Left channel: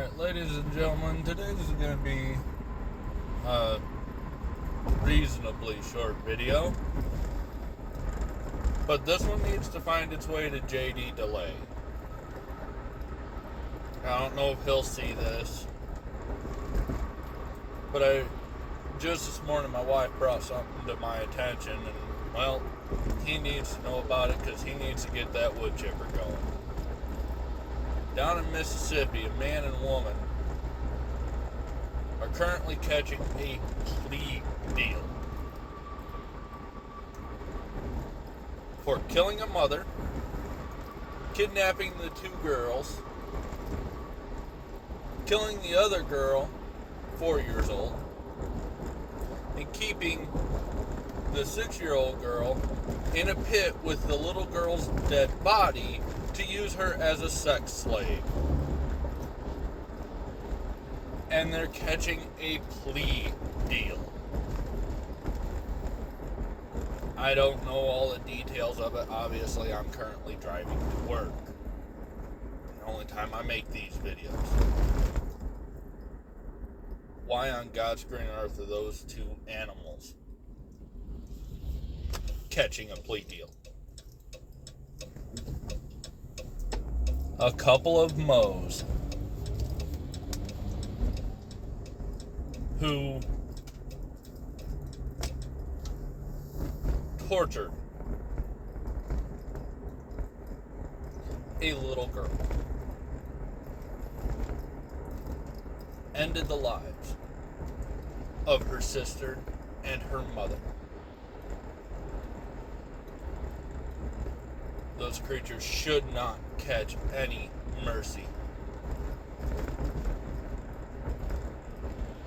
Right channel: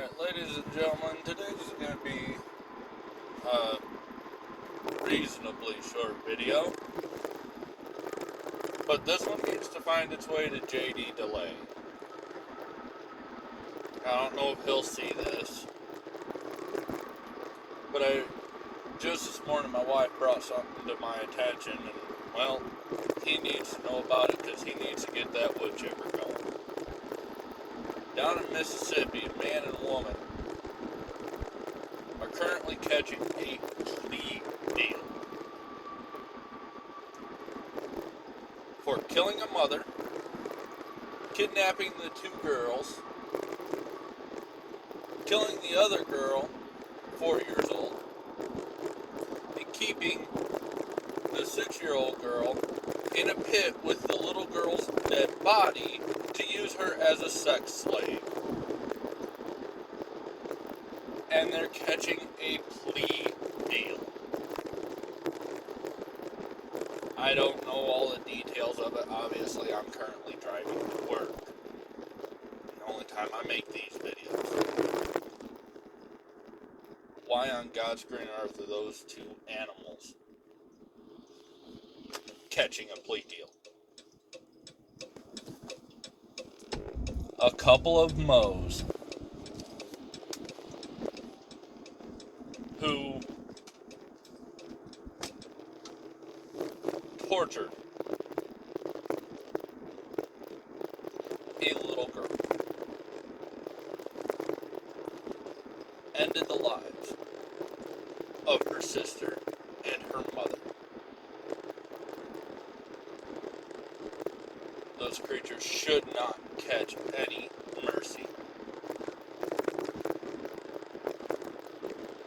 Alright, ladies and gentlemen, today's going to be a reasonably short video. But this one needs to find its way to JD Delay. I don't know if he'll see this. But just this morning, my wife brought something to my attention, and, well, he needs to know about it because he needs to get that wood chipper going. Down in Mississippi, a man and woman are currently catching a plea deal for killing a mother, kidnapping the two girls, killing the other girl, 4 years old, and keeping the 6-year-old girl in a pit with the little girl's dead body to use her as a sex slave. And they're catching a plea deal. I don't know all the details of it. Obviously, I'm currently driving to work. The only time I make these videos. Why on God's green earth are those two animals catching a plea deal? A couple of mows who tortured a little girl, ended the lives of her sister and her mother. Those creatures should not catch any mercy.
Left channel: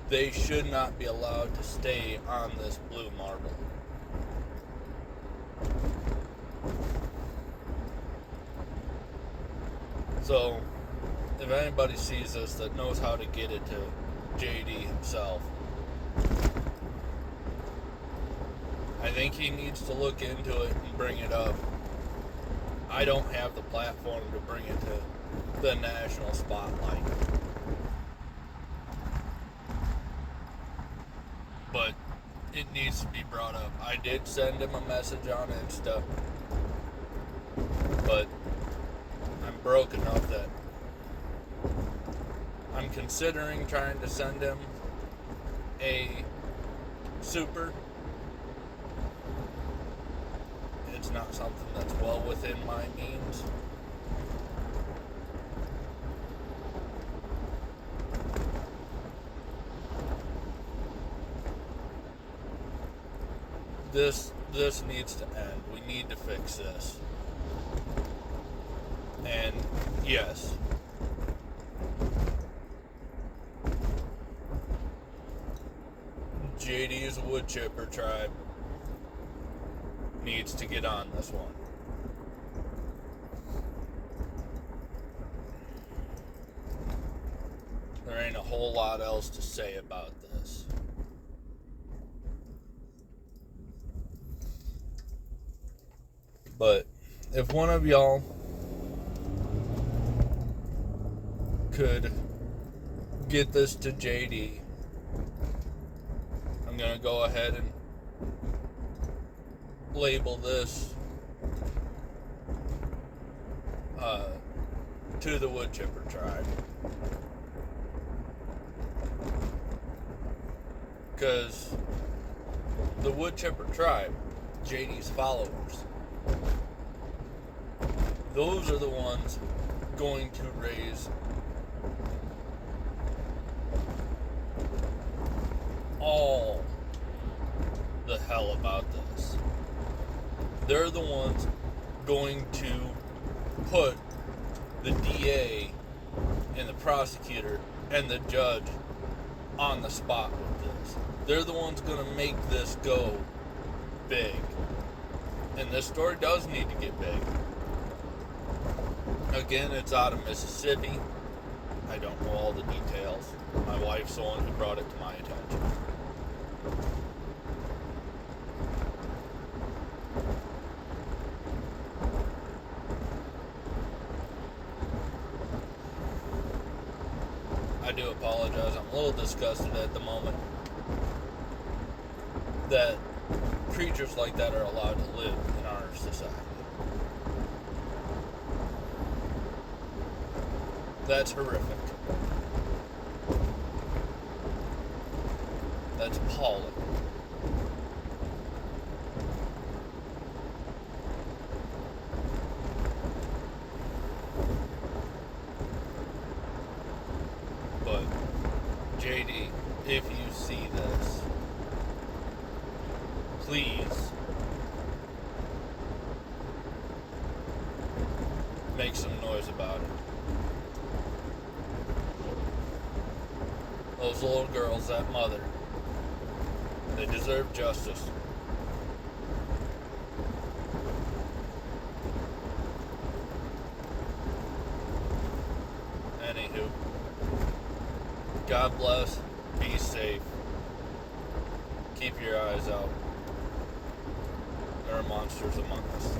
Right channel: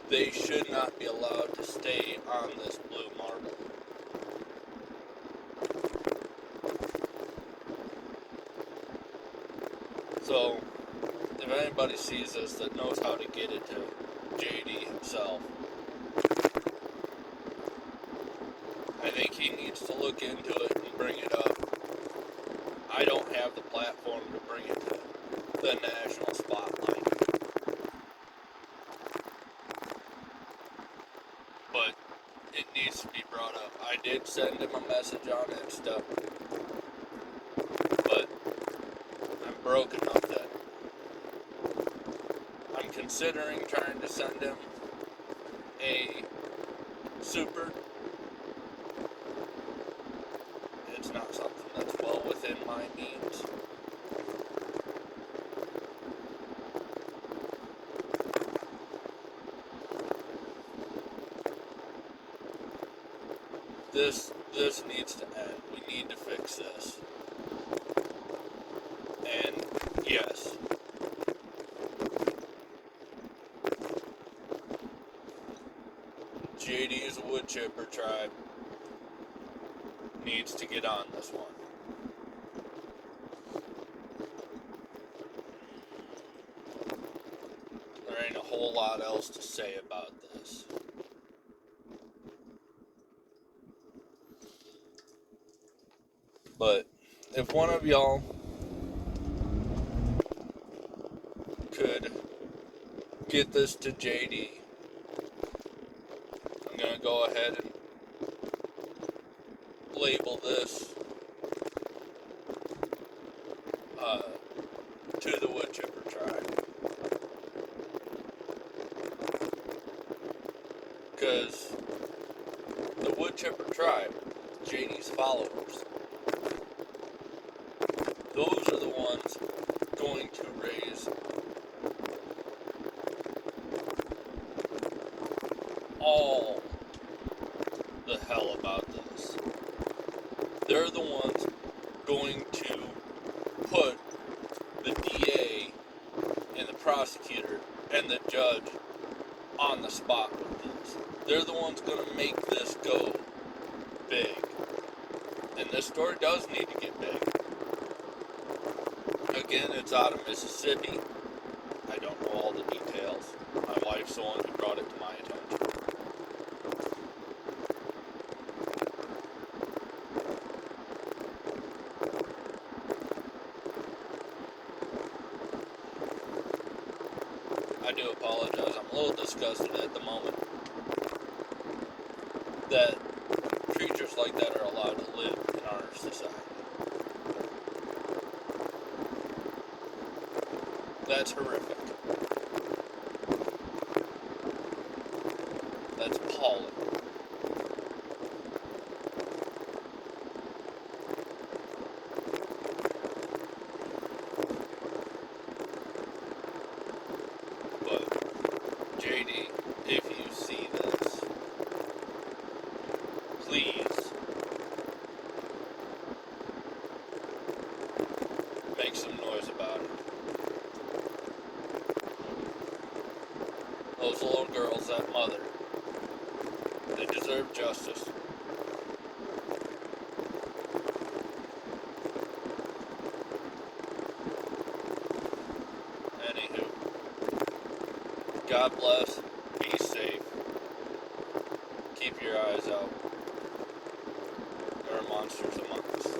They should not be allowed to stay on this blue marble. So, if anybody sees this that knows how to get it to JD himself, I think he needs to look into it and bring it up. I don't have the platform to bring it to the national spotlight. But it needs to be brought up. I did send him a message on Insta, but I'm broke enough that I'm considering trying to send him a super. It's not something that's well within my means. This needs to end. We need to fix this. And yes, JD's wood chipper tribe needs to get on this one. There ain't a whole lot else to say about this. But if one of y'all could get this to JD, I'm going to go ahead and label this to the wood chipper tribe. Because the wood chipper tribe, JD's followers, those are the ones going to raise all the hell about this. They're the ones going to put the DA and the prosecutor and the judge on the spot with this. They're the ones going to make this go big. And this story does need to get big. Again, it's out of Mississippi. I don't know all the details. My wife's the one who brought it to my attention. I do apologize. I'm a little disgusted at the moment that creatures like that are allowed to live in our society. That's horrific. That's appalling. But, JD, if you see this, please make some noise about it. Those little girls, that mother, they deserve justice. Anywho, God bless, be safe, keep your eyes out. There are monsters among us.